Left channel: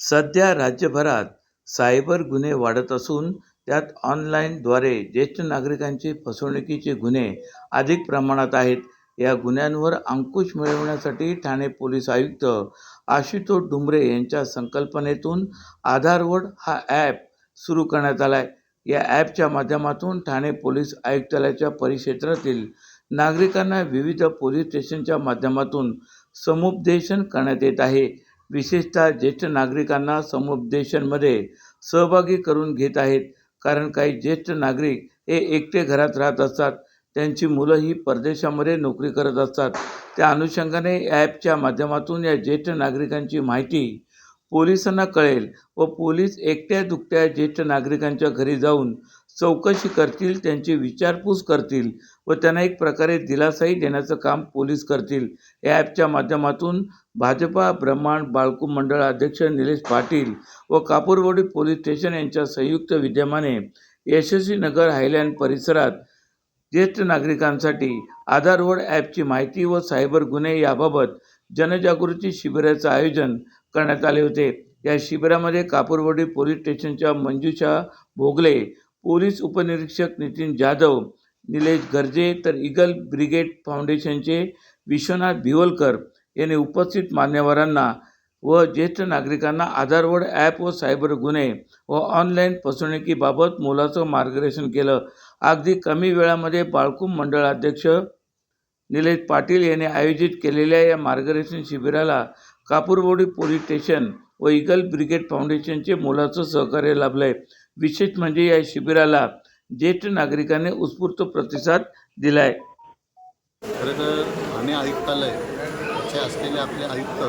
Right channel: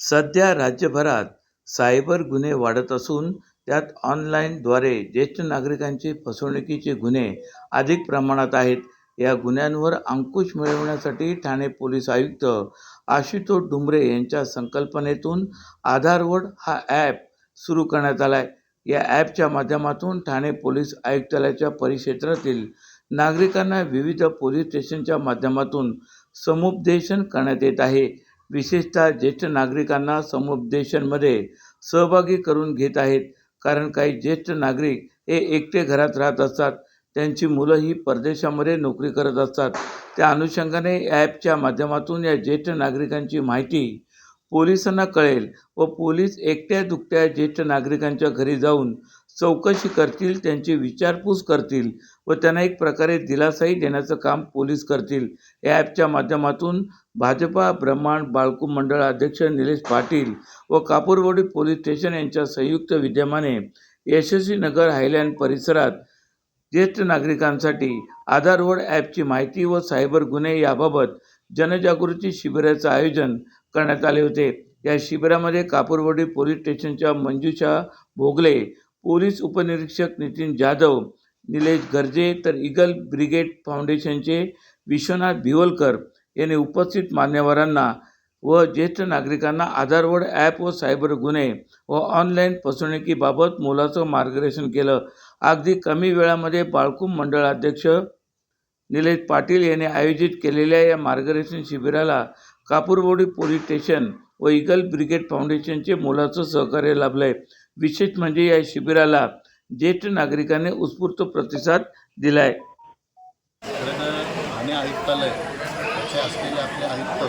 सध्या राज्यभरात सायबर गुन्हे वाढत असून त्यात ऑनलाईनद्वारे ज्येष्ठ नागरिकांची फसवणुकीचे गुन्हे अधिक प्रमाणात आहेत. या गुन्ह्यांवर अंकुश मिळवण्यासाठी ठाणे पोलीस आयुक्त आशुतोष डुंबरे यांच्या संकल्पनेतून आधारवड हा ॲप सुरू करण्यात आला आहे या ॲपच्या माध्यमातून ठाणे पोलीस आयुक्तालयाच्या परिक्षेत्रातील नागरिकांना विविध पोलीस स्टेशनच्या माध्यमातून समुपदेशन करण्यात येत आहे. विशेषतः ज्येष्ठ नागरिकांना समुपदेशनमध्ये सहभागी करून घेत आहेत. कारण काही ज्येष्ठ नागरिक हे एकटे घरात राहत असतात. त्यांची मुलं ही परदेशामध्ये नोकरी करत असतात. त्या अनुषंगाने ॲपच्या माध्यमातून या ज्येष्ठ नागरिकांची माहिती पोलिसांना कळेल व पोलीस एकट्या दुकट्या ज्येष्ठ नागरिकांच्या घरी जाऊन चौकशी करतील त्यांची विचारपूस करतील व त्यांना एक प्रकारे दिलासाही देण्याचं काम पोलीस करतील. या ॲपच्या माध्यमातून भाजपा ब्रह्मांड बाळकू मंडळ अध्यक्ष निलेश पाटील व कापूरवडी पोलीस स्टेशन यांच्या संयुक्त विद्यमाने यशस्वी नगर हायलँड परिसरात ज्येष्ठ नागरिकांसाठी आधारवड ॲपची माहिती व सायबर गुन्हे याबाबत जनजागृती शिबिराचं आयोजन करण्यात आले होते. या शिबिरामध्ये कापूरवडी पोलीस स्टेशनच्या मंजुषा भोगले पोलीस उपनिरीक्षक नितीन जाधव निलेश गर्जे तर इगल ब्रिगेड फाउंडेशनचे विश्वनाथ भिवलकर यांनी उपस्थित मान्यवरांना व ज्येष्ठ नागरिकांना आधारवड ॲप व सायबर गुन्हे व ऑनलाईन फसवणुकीबाबत मोलाचं मार्गदर्शन केलं. अगदी कमी वेळामध्ये बाळकुम मंडळाध्यक्ष निलेश पाटील यांनी आयोजित केलेल्या या मार्गदर्शन शिबिराला कापूरवाडी पोलीस स्टेशन व इगल ब्रिगेड फाउंडेशनचे मोलाचं सहकार्य लाभलं आहे विशेष म्हणजे या शिबिराला ज्येष्ठ नागरिकांनी उत्स्फूर्त प्रतिसाद दिला आहे खरं तर ठाणे आयुक्तालय याचे असलेले आपले आयुक्त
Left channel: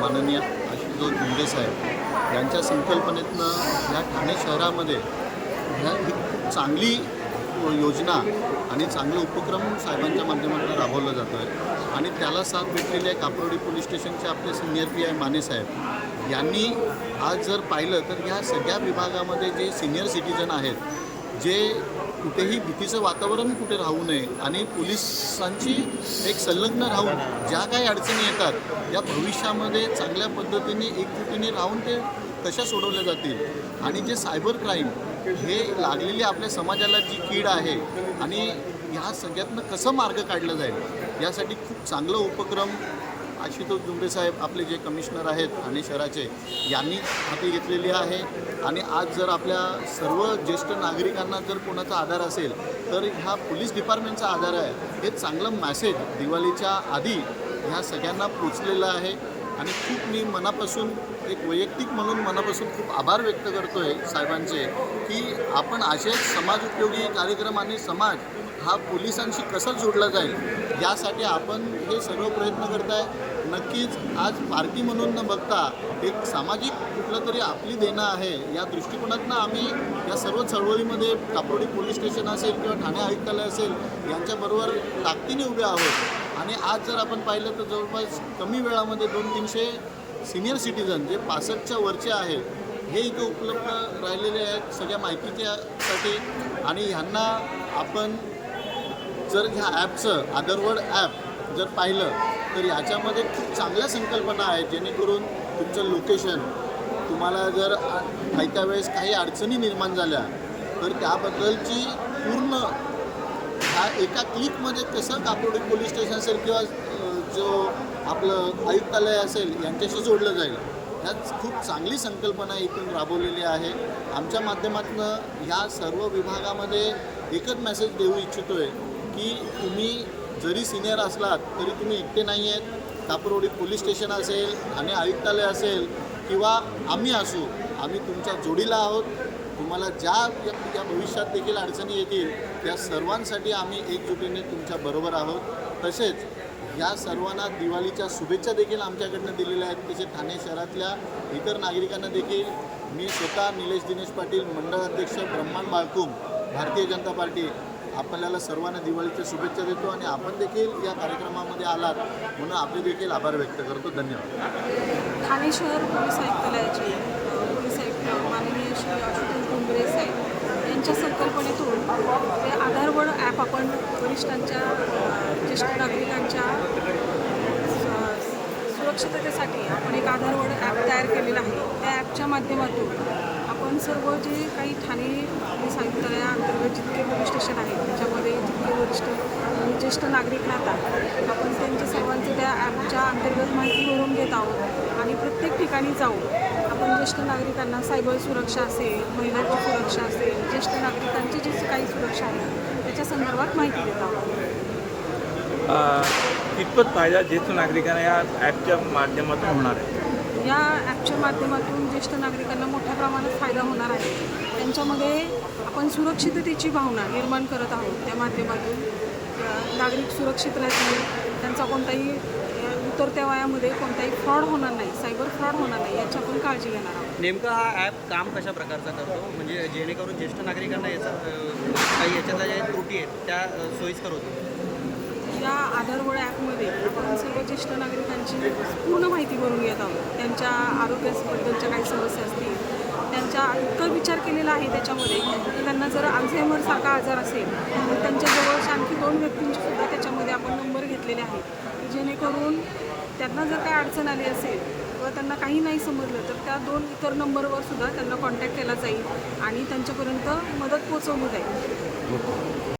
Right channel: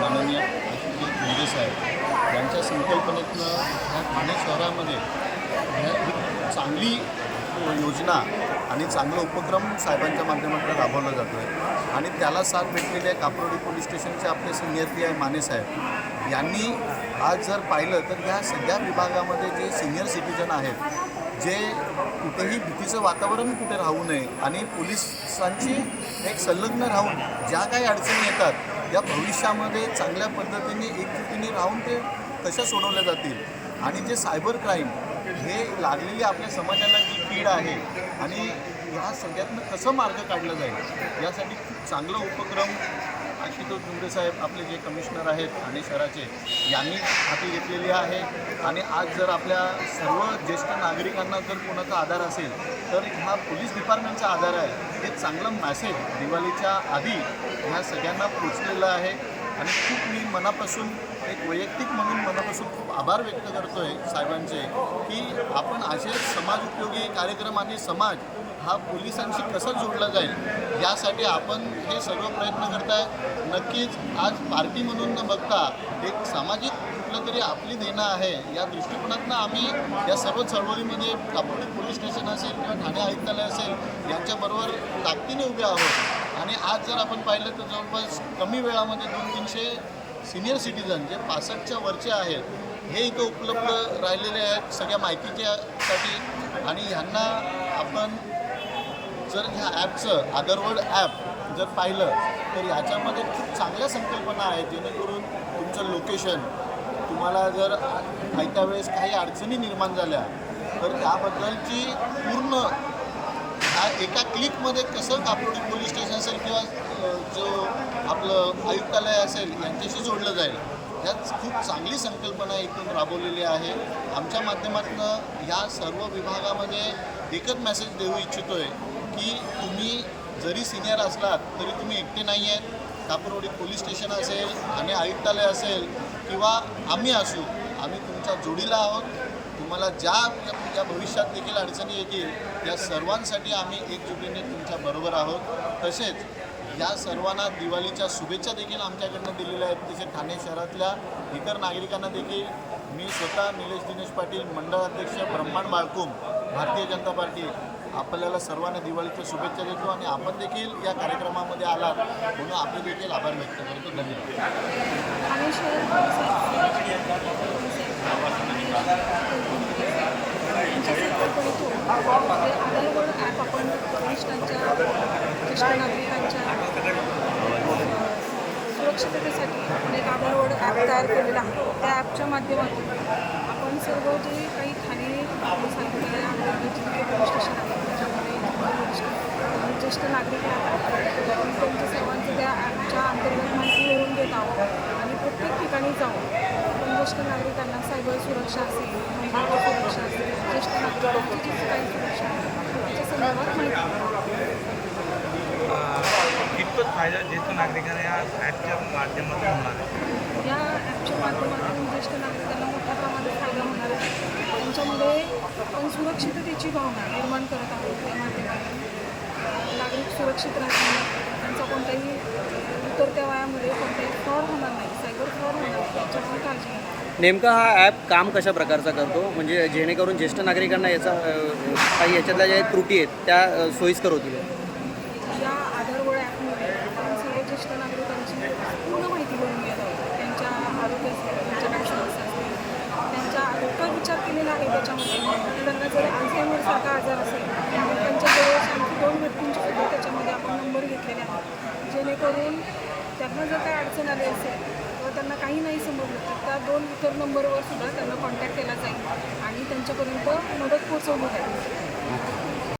माननीय आशुतोष मुंडे साहेब यांच्या संकल्पनेतनं ह्या ठाणे शहरामध्ये ह्या चांगली योजना आणि चांगलं उपक्रम साहेबांच्या माध्यमातून राबवलं जातो आहे आणि त्याला साथ भेटलेले कापरोडी पोलीस स्टेशनचे आपले सिनियर पी आय माने साहेब. यांनी आज जर पाहिलं तर ह्या सगळ्या विभागामध्ये जे सिनियर सिटीजन आहेत जे कुठेही भीतीचं वातावरण कुठे राहू नये आणि पोलिसांची एक संलग्न राहून ज्या काही अडचणी येतात या भविष्यामध्ये चांगल्या पद्धतीने एकजुटीने राहून ते कशा सोडवल्या जातील? आणि जे सायबर क्राईम हे लागलेली आपल्या समाजाला जी कीड आहे आणि ह्या सगळ्यातनं कसं मार्ग काढला जाईल? यासाठी खूप चांगलं उपक्रम आशुतोष डुंगरे साहेब आपले जे कमिशनर आहेत ठाणे शहराचे यांनी हाती घेतलेली आहे. आणि आज जर आपल्या सर्व ज्येष्ठ नागरिकांना जर कोणाचा आधार असेल तर ह्या पोलीस डिपार्टमेंटचा आधार आहे. हे चांगलं मॅसेज दिवाळीच्या आधी ह्या सगळ्यांना पोचलेलं आहे. आणि खूप मी मनापासून एक वैयक्तिक म्हणून मनापासून खूप आभार व्यक्त करतो आहे साहेबांचे की आपण असे समाज उपयोगी कार्यक्रम आणि समाज हा पोलिसांशी कसा जोडला जाईल यासाठी आपण हे सर्व प्रयत्न करताय. नक्कीच आज पार्टी म्हणून न बघता एक सामाजिक कुठलं तरी आपली देणं आहे या दृष्टिकोनातनं आम्ही या सर्व चळवळीमध्ये कापरोडी पोलीस स्टेशन असेल किंवा ठाणे आयुक्तालय असेल यांच्याबरोबर ताकदीने उभे आहोत. आणि आज जर आपण पाहिलं तर जवळपास कमी वेळामध्ये दोन तीनशे सिनियर सिटीजन जे पासष्टच्या वरचे आहेत हे इथं उपलब्ध राहिलेले आहेत सगळ्या माहितीच्यासाठी आणि ह्यांना आपण जर ह्या ॲपचं आदरवर्ड ॲप जर पाहिलं तर याच्यामध्ये खूप चांगल्या संकल्पना आहेत जेणेकरून तुमचं लोकेशन तुम्हाला जर ऐका वेळेस काही अडचणी निर्माण झाल्या तर त्याबद्दलची पूर्ण ह्या एका क्लिकमध्ये कसं कापरोडी पोलीस स्टेशन असेल किंवा जो आपलं आयुक्तालय असेल यांच्याशी जोडलं जाईल. ह्याच खूप चांगली संकल्पना इथून राबवलेली आहे. आमच्या माध्यमातून ह्या सर्व विभागामध्ये एकच मेसेज देऊ इच्छितो आहे की तुम्ही जरी सिनियर असलात तरी तुम्ही एकटे नाही आहेत. कापरोडी पोलीस स्टेशन असेल आणि आयुक्तालय असेल किंवा आम्ही असू आम्ही तुमच्या जोडीला आहोत. तुम्हाला ज्या या भविष्यात देखील अडचणी येतील त्या सर्वांसाठी आम्ही एकजुटीने तुमच्या बरोबर आहोत. तसेच या सर्वांना दिवाळीच्या शुभेच्छा देखील आमच्याकडनं दिलेल्या आहेत. तसे ठाणे शहरातल्या इतर नागरिकांना देखील मी स्वतः निलेश दिनेश पाटील मंडळ अध्यक्ष ब्रह्मांड बाळकुम भारतीय जनता पार्टी आपल्याला सर्वांना दिवाळीच्या शुभेच्छा देतो आणि आपण देखील या कार्यक्रमामध्ये आलात म्हणून आपले देखील आभार व्यक्त करतो. धन्यवाद. ठाणे शहर पोलीस आयुक्त यांच्या संकल्पनेतून जे आधारवड ॲप आपण वरिष्ठांच्या ज्येष्ठ नागरिकांच्या सुरक्षिततेसाठी आपण एक आधारवड ॲप तयार केलेलं आहे. त्या ॲपच्या माध्यमातून आपण सर्व जे काही ठाणे पोलीस अंतर्गत जितके पोलीस स्टेशन आहेत त्याच्यामध्ये ज्येष्ठ वरिष्ठ ज्येष्ठ नागरिक राहतात आपण त्यांच्या सर्वांचं त्या ॲपच्या अंतर्गत माहिती भरून देत आहोत आणि प्रत्येक ठिकाणी जाऊ आपण ज्येष्ठ नागरिकांना सायबर सुरक्षा असेल महिलांची सुरक्षा असेल ज्येष्ठ नागरिकांची जी काही सुरक्षा आहे त्याच्या संदर्भात माहिती देत आहोत. कितपत फायदा ज्येष्ठ नागरिकांना या ॲपच्या माध्यमातून होणार आहे. या ॲपच्या माध्यमातून ज्येष्ठ नागरिकांना मोठ्या प्रमाणात फायदा होणार आहे. त्यांच्यामध्ये आपण सुरक्षिततेची भावना निर्माण करत आहोत त्या माध्यमातून. नागरिक सुरक्षित राहतील. त्यांचा कोणताही उतरत्या वयामध्ये कोणताही फ्रॉड होणार नाही. सायबर फ्रॉड होणार नाही. याची आपण काळजी घेणार आहोत. नेमका हा ॲप काम कशा प्रकारचा करतो? म्हणजे जेणेकरून ज्येष्ठ नागरिकांना याचा काही याच्यातल्या ज्या त्रुटी आहेत त्या सोयीस्कर होतील. या आधारवळ ॲपमध्ये आपण सर्व ज्येष्ठ नागरिकांची पूर्ण माहिती भरून घेत आहोत. त्यांच्या आरोग्याबद्दलच्या काही समस्या असतील त्यांच्या इतका विचार केलेला आहे त्याच्यामध्ये की त्यांना जर अल्झायमरसारखा आजार असेल तर त्यांच्या जवळच्या आणखी दोन व्यक्तींची सुद्धा त्याच्यामध्ये आपण नंबर घेतलेले आहेत. जेणेकरून त्यांना जर काय अडचण आली असेल किंवा त्यांना काही नाही समजलं तर त्या दोन इतर नंबरवर सुद्धा त्यांना कॉन्टॅक्ट केला जाईल आणि त्यांच्यापर्यंत मदत पोहोचवली जाईल.